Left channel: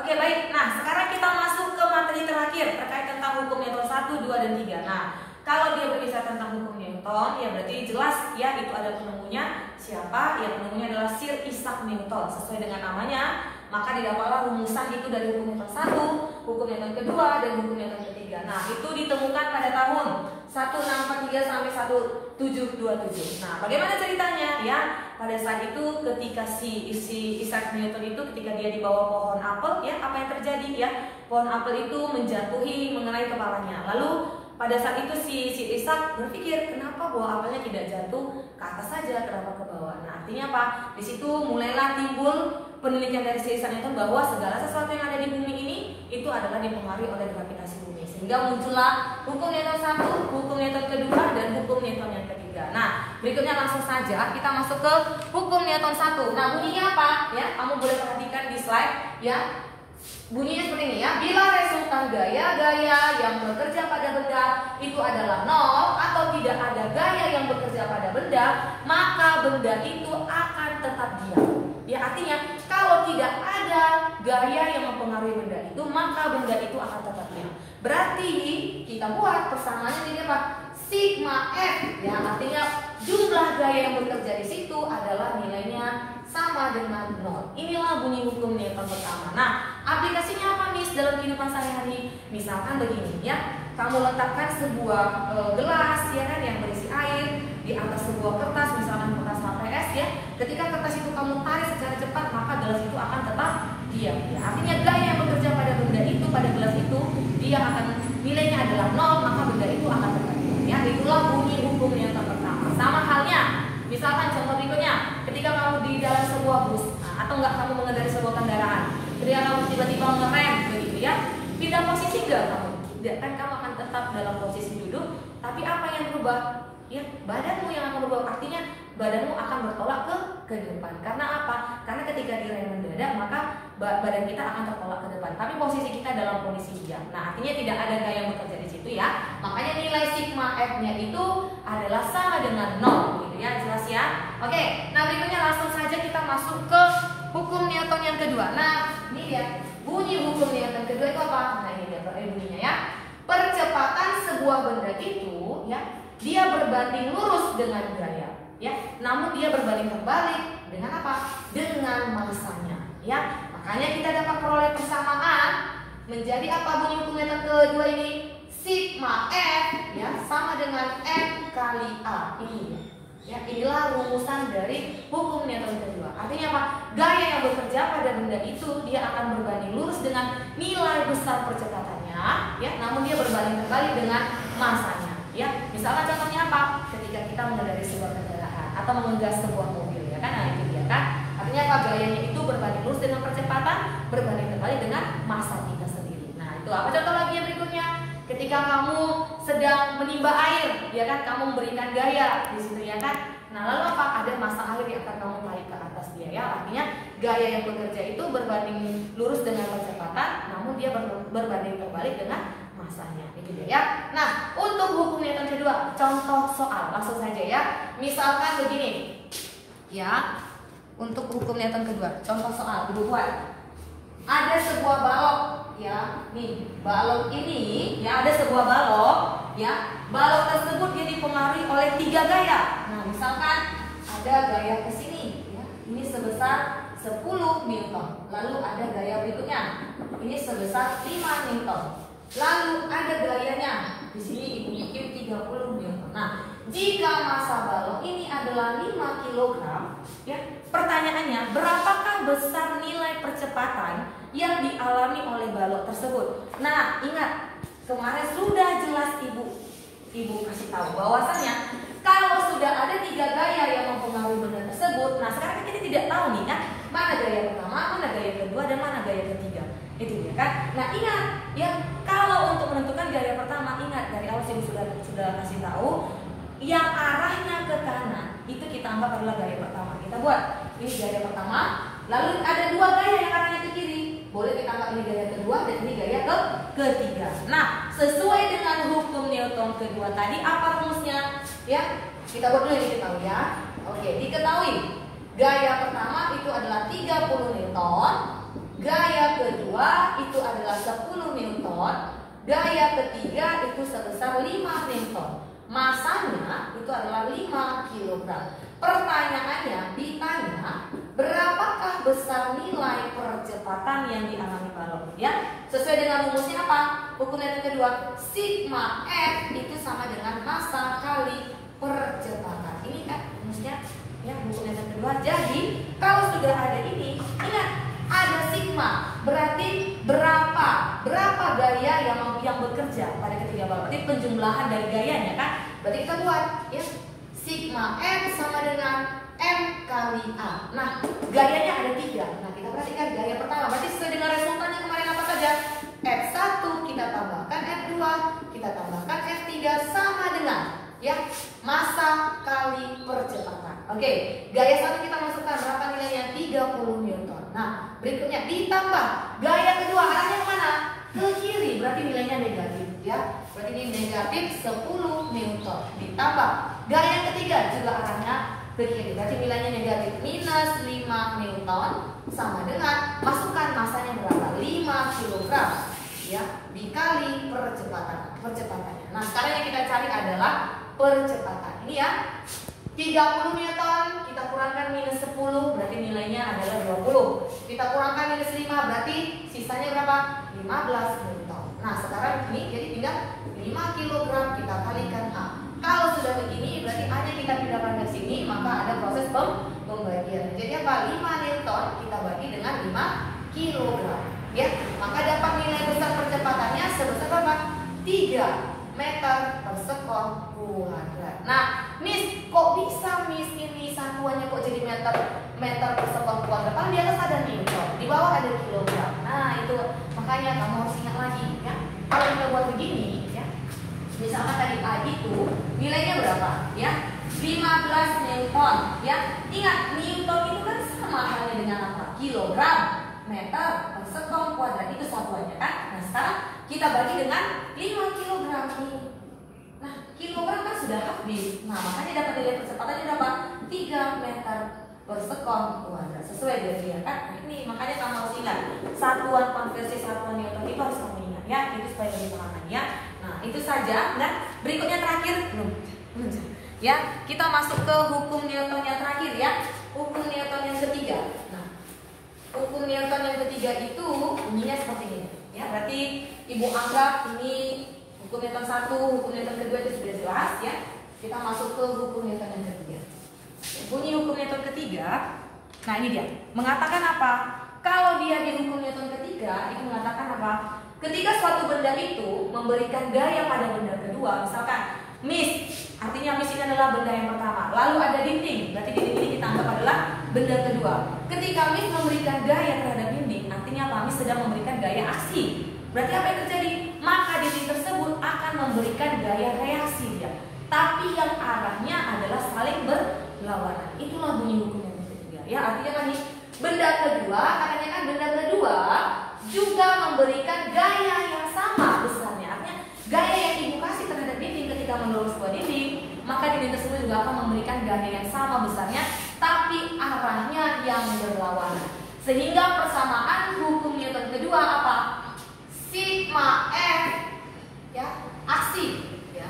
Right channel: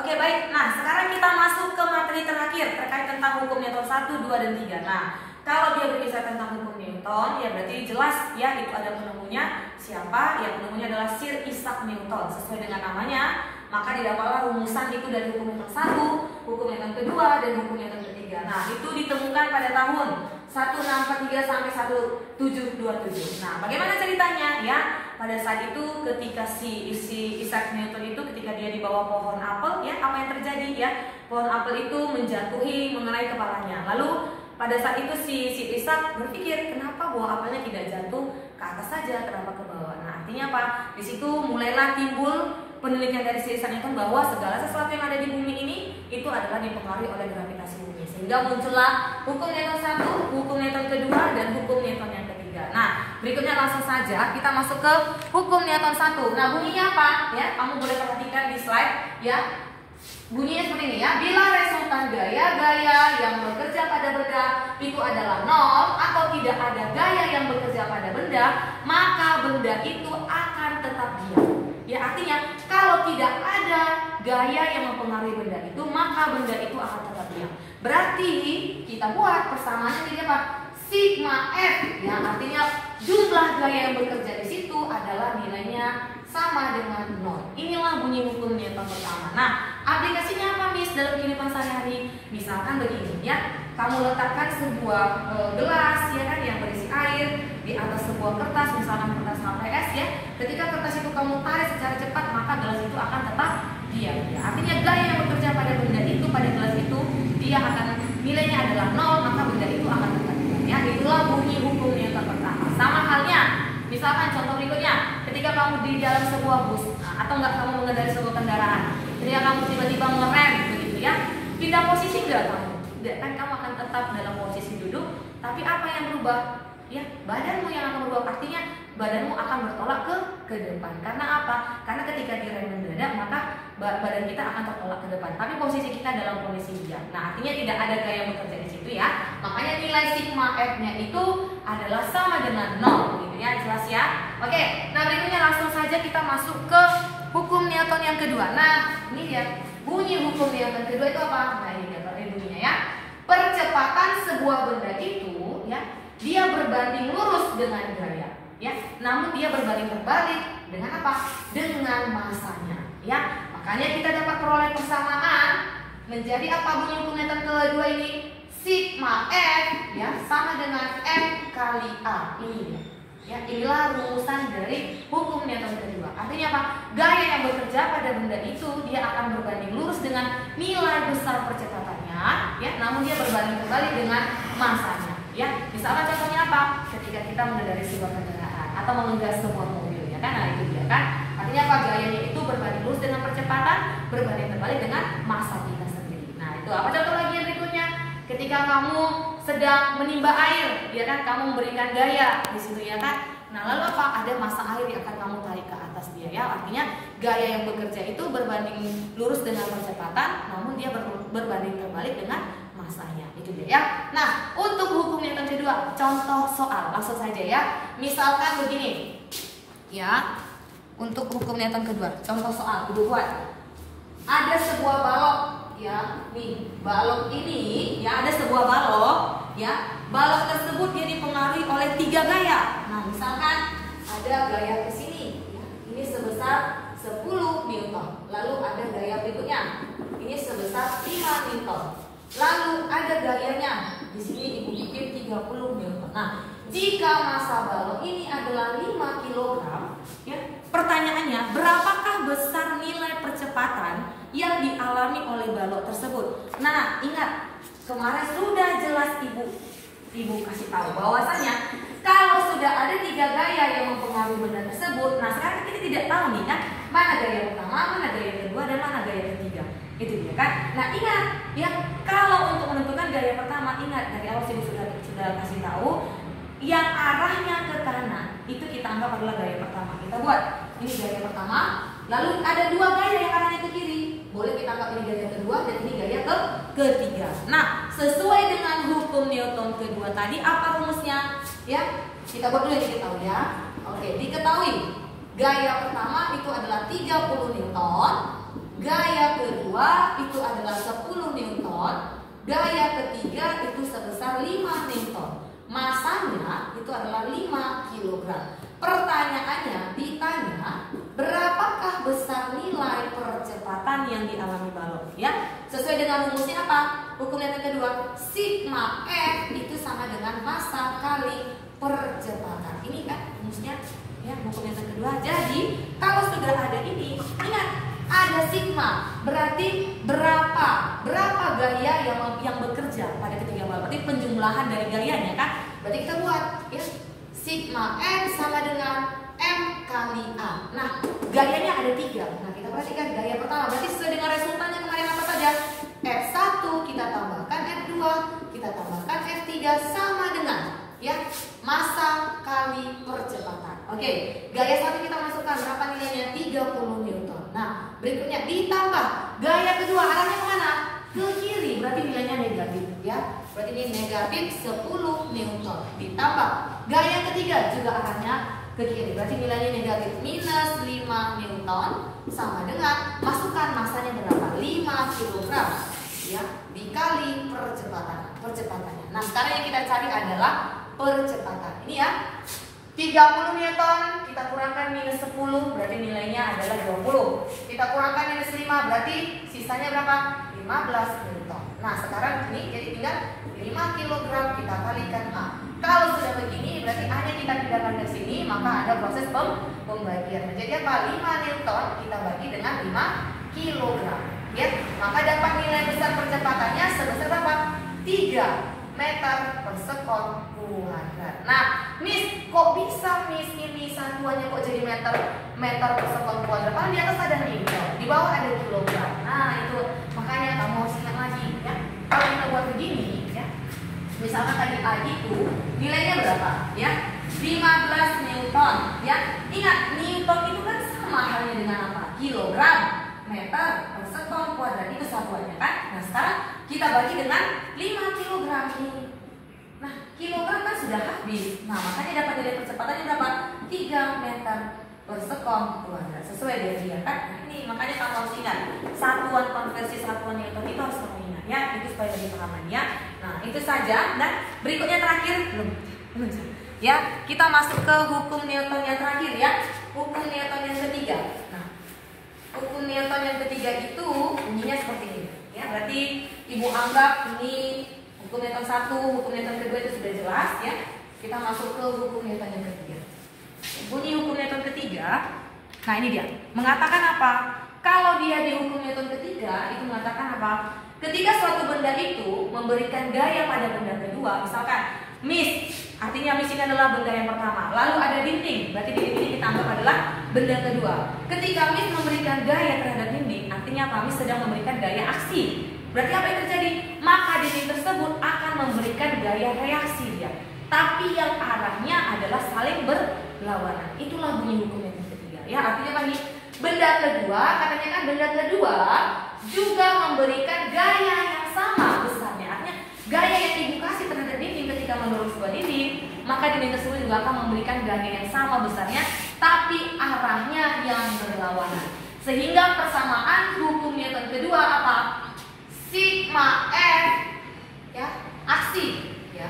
Oke, baik. Nah, sekarang kita masuk ke materi terakhir terkait tentang hukum Newton 1, 2, dan 3. Nah, kalau dia berbicara tentang hukum Newton, ya berarti jelas ya itu ada penemunya. Siapa? Ya penemunya adalah Sir Isaac Newton. Sesuai dengan namanya, maka didapatlah rumusan itu dari hukum Newton 1, hukum Newton kedua, dan hukum Newton ketiga. Nah, itu ditemukan pada tahun 1643 sampai 1727. Nah, bagaimana ceritanya? Ya, pada saat itu ketika si Isaac Newton itu ketika dia di bawah pohon apel, ya apa yang terjadi? Ya, pohon apel itu menjatuhi mengenai kepalanya. Lalu pada saat itu si Isaac berpikir, kenapa buah apelnya tidak jatuh ke atas saja, kenapa ke bawah? Nah, artinya apa? Di situ mulailah timbul penelitian dari si Isaac Newton bahwa segala sesuatu yang ada di bumi ini itu adalah dipengaruhi oleh gravitasi bumi. Sehingga muncullah hukum Newton 1, hukum Newton kedua, dan hukum Newton yang ketiga. Nah, berikutnya langsung saja kita masuk ke hukum Newton 1. Nah, bunyinya apa? Ya, kamu boleh perhatikan di slide ya. Bunyinya seperti ini ya. Bila resultan gaya-gaya yang bekerja pada benda itu adalah nol atau tidak ada gaya yang bekerja pada benda, maka benda itu akan tetap diam. Ya, artinya kalau tidak ada gaya yang mempengaruhi benda itu, maka benda itu akan tetap diam. Berarti kita buat persamaannya jadi apa? Sigma F. Ya, artinya jumlah gaya yang bekerja di situ adalah nilainya sama dengan 0. Inilah bunyi hukum Newton pertama. Nah, aplikasinya apa, Miss, dalam kehidupan sehari-hari? Misalkan begini ya, kamu letakkan sebuah gelas ya kan yang berisi air di atas sebuah kertas, misalkan kertas HPS ya. Ketika kertas itu kamu tarik secara cepat, maka gelas itu akan tetap diam ya. Artinya gaya yang bekerja pada benda itu, pada gelas itu, dia akan nilainya adalah 0, maka benda itu akan tetap diam ya. Itulah bunyi hukum Newton pertama. Sama halnya, misalkan contoh berikutnya, ketika kamu di dalam sebuah bus atau enggak kamu mengendarai sebuah kendaraan, ketika kamu tiba-tiba ngerem begitu ya, pindah posisi enggak kamu? Tidak, kan kamu akan tetap dalam posisi duduk, tapi apa yang berubah? Ya, badanmu yang akan berubah. Artinya badanmu akan bertolak ke depan. Karena apa? Karena ketika direm mendadak, maka badan kita akan tertolak ke depan. Tapi posisi kita dalam posisi diam. Nah, artinya tidak ada gaya yang bekerja di situ ya. Makanya nilai sigma F-nya itu adalah sama dengan 0 gitu ya. Jelas ya? Oke, nah berikutnya langsung saja kita masuk ke hukum Newton yang kedua. Nah, ini lihat bunyi hukum Newton kedua itu apa? Nah, ini dia bunyinya ya. Percepatan sebuah benda itu ya, dia berbanding lurus dengan gaya ya, namun dia berbanding terbalik dengan apa? Dengan masanya ya. Makanya kita dapat peroleh persamaan menjadi apa bunyi hukum Newton kedua ini? Sigma F ya sama dengan M kali A. Ini ya, inilah rumusan dari hukum Newton kedua. Artinya apa? Gaya yang bekerja pada benda itu dia akan berbanding lurus dengan nilai besar percepatannya ya, namun dia berbanding terbalik dengan masanya. Ya, misalkan contohnya apa? Ketika kita mengendarai sebuah kendaraan atau menggas sebuah mobil ya kan, nah itu dia kan. Artinya apa? Gayanya itu berbanding lurus dengan percepatan, berbanding terbalik dengan massa kita sendiri. Nah, itu apa contoh lagi yang berikutnya? Ketika kamu sedang menimba air, ya kan, kamu memberikan gaya di situ ya kan. Nah, lalu apa? Ada massa air yang akan kamu tarik ke atas dia ya. Artinya gaya yang bekerja itu berbanding lurus dengan percepatan, namun dia berbanding terbalik dengan masanya. Itu dia ya. Nah, untuk hukum Newton kedua, contoh soal langsung saja ya. Misalkan begini. Ya. Untuk hukum Newton kedua, contoh soal Ibu buat. Ada sebuah balok ya. Nih, balok ini ya, ada sebuah balok ya. Balok tersebut dia dipengaruhi oleh 3 gaya. Nah, misalkan ada gaya ke sini ya. Ini sebesar 10 Newton. Lalu ada gaya berikutnya. Ini sebesar 5 Newton. Lalu ada gayanya. Di sini Ibu bikin 30 Newton. Nah, jika massa balok ini adalah 5 kg, ya, pertanyaannya, berapakah besar nilai percepatan yang dialami oleh balok tersebut? Nah, ingat, kemarin sudah jelas Ibu kasih tahu bahwasanya kalau sudah ada 3 gaya yang mempengaruhi benda tersebut, nah sekarang kita tidak tahu nih kan, mana gaya pertama, mana gaya kedua, dan mana gaya ketiga. Itu dia kan. Nah, ingat ya, kalau untuk menentukan gaya pertama, ingat dari awal Ibu sudah kasih tahu yang arahnya ke kanan itu kita anggap adalah gaya pertama. Kita buat ini gaya pertama, lalu ada 2 gaya yang arahnya ke kiri. Boleh kita anggap ini gaya kedua dan ini gaya ketiga. Nah, sesuai dengan hukum Newton kedua tadi, apa rumusnya? Ya, kita buat dulu ini diketahui ya. Oke, diketahui gaya pertama itu adalah 30 Newton Gaya kedua itu adalah 10 Newton. Gaya ketiga itu sebesar 5 Newton. Masanya itu adalah 5 kg. Pertanyaannya ditanya, berapakah besar nilai percepatan yang dialami balon? Ya, sesuai dengan rumusnya apa? Hukum Newton kedua, sigma F itu sama dengan massa kali percepatan. Ini kan rumusnya, ya, hukum Newton kedua. Jadi kalau sudah ada ini, ingat ada sigma, berarti berapa gaya yang bekerja pada ketiga balon. Berarti penjumlahan dari gayanya kan. Berarti kita buat, ya, sigma M sama dengan M kali A. Nah, gayanya ada 3. Nah, kita perhatikan gaya pertama. Berarti sesuai dengan resultannya kemarin apa saja? F1 kita tambahkan F2, kita tambahkan F3 sama dengan, ya, massa kali percepatan. Oke, gaya 1 kita masukkan, berapa nilainya? 30 Newton. Nah, berikutnya ditambah gaya kedua, arahnya kemana? Ke kiri, berarti nilainya negatif, ya. Berarti ini negatif 10 Newton. Ditambah gaya ketiga juga arahnya ke kiri, berarti nilainya negatif minus 5 Newton sama dengan, masukkan massanya berapa? 5 kg, ya, dikali percepatannya. Nah, sekarang yang kita cari adalah percepatan. Ini ya, 30 Newton kita kurangkan minus 10 berarti nilainya adalah 20. Kita kurangkan minus 5 berarti sisanya berapa? 15 Newton. Nah, sekarang ini jadi tinggal 5 kg kita kalikan A. Kalau sudah begini berarti A-nya kita pindahkan ke sini, maka ada proses pembagian. Jadi apa? 5 Newton kita bagi dengan 5 kg. Ya, maka dapat nilai besar percepatannya sebesar berapa? 3 meter per sekon kuadrat. Nah, Miss, kok bisa Miss ini satuannya kok jadi meter per sekon kuadrat? Padahal di atas ada Newton, di bawah ada kilogram. Nah, itu makanya kamu harus ingat lagi, ya. Kalau kita buat begini, ya. Misalkan tadi A itu nilainya berapa? Ya, 15 Newton, ya. Ingat, Newton itu kan sama halnya dengan apa? Kilogram, meter per sekon kuadrat, itu satuannya kan. Nah, sekarang kita bagi dengan 5 kg ini. Nah, kilogram kan sudah habis. Nah, makanya dapat nilai percepatannya berapa? 3 meter per sekon kuadrat. Sesuai dengan dia kan. Nah, ini makanya kamu harus ingat, satuan konversi satuan Newton itu harus kamu ingat, ya. Itu supaya lebih paham, ya. Nah, itu saja. Dan berikutnya terakhir belum. Ya, kita masuk ke hukum Newton yang terakhir, ya. Hukum Newton yang ketiga. Nah, hukum Newton yang ketiga itu bunyinya seperti ini. Ya, berarti Ibu anggap ini hukum Newton 1, hukum Newton kedua itu sudah jelas, ya. Kita masuk ke hukum Newton yang ketiga. Bunyi hukum Newton ketiga. Nah, ini dia. Mengatakan apa? Kalau dia di hukum Newton ketiga itu mengatakan apa? Ketika suatu benda itu memberikan gaya pada benda kedua, misalkan Miss, artinya Miss ini adalah benda yang pertama. Lalu ada dinding, berarti dinding ini kita anggap adalah benda kedua. Ketika Miss memberikan gaya terhadap dinding, artinya apa? Miss sedang memberikan gaya aksi. Berarti apa yang terjadi? Maka dinding tersebut akan memberikan gaya reaksi, ya. Tapi yang arahnya adalah saling berlawanan. Itulah bunyi hukum yang ketiga. Ya, artinya apa nih? Benda kedua, katanya kan benda kedua juga memberikan gaya yang sama besarnya. Artinya gaya yang ibu kasih terhadap dinding ketika menurut sebuah dinding, maka dinding tersebut juga akan memberikan gaya yang sama besarnya, tapi arahnya yang berlawanan. Sehingga persamaan hukum Newton kedua apa? Sigma F, ya, aksi, ya,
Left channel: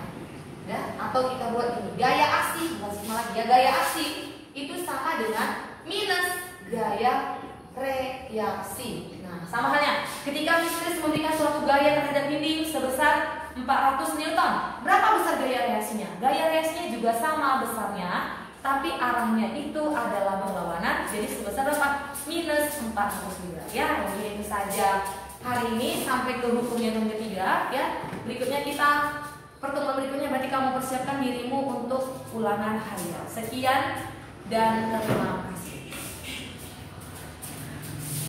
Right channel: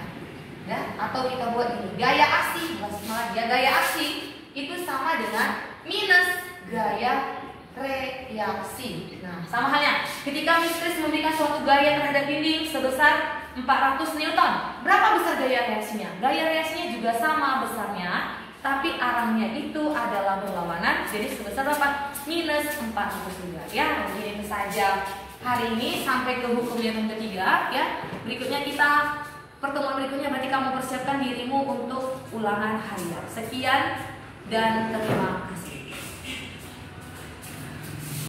atau kita buat ini gaya aksi, bukan sigma lagi, ya, gaya aksi itu sama dengan minus gaya reaksi. Nah, sama halnya ketika Miss Kris memberikan suatu gaya terhadap dinding sebesar 400 Newton, berapa besar gaya reaksinya? Gaya reaksinya juga sama besarnya, tapi arahnya itu adalah berlawanan, jadi sebesar berapa? Minus 400 juga. Ya, mungkin itu saja hari ini sampai ke hukum Newton ketiga, ya. Berikutnya pertemuan berikutnya berarti kamu persiapkan dirimu untuk ulangan harian. Sekian dan terima kasih.